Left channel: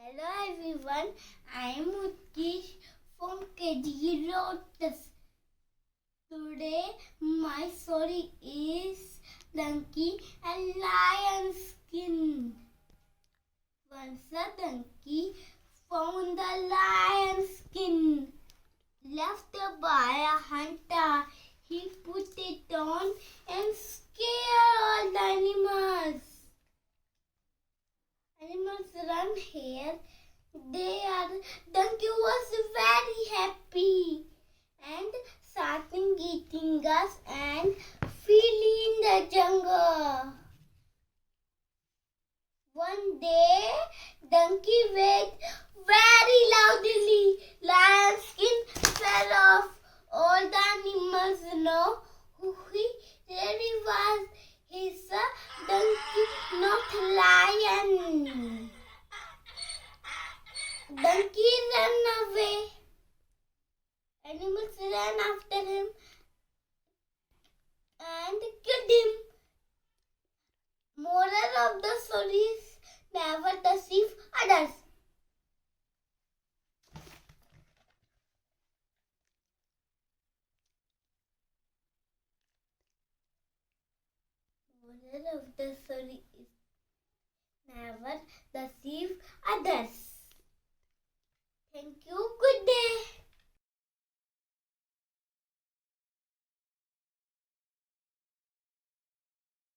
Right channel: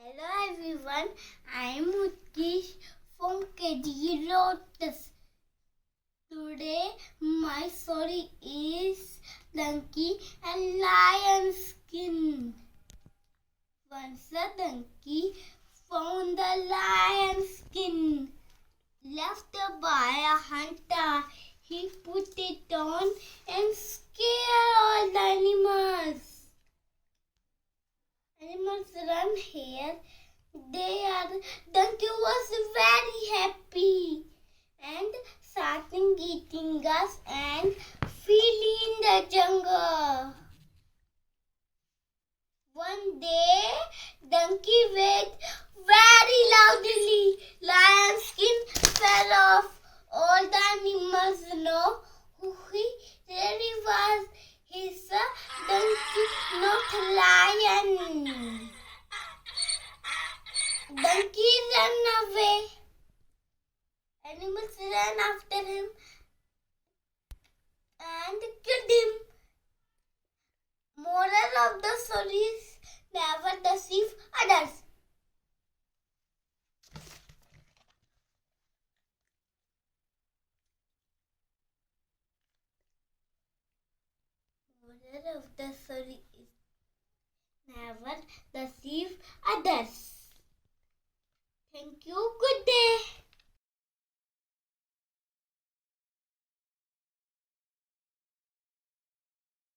Hello everyone, I am Utkish from KG Lotus. Today my story is Donkey and Lion Skin. Once a donkey found the lion skin left by a hunter. He put it on and scared all the animals. Animals run here. Donkey was very happy and starting eating grass and feeling in the jungle. One day, donkey wept very loudly. Lion skin fell off. All the animals know who he really was. He's a donkey, not a lion. Donkey ran away. Animals ran after him and killed him. Moral of the story is never deceive others. Moral of the story is never deceive others. Thank you.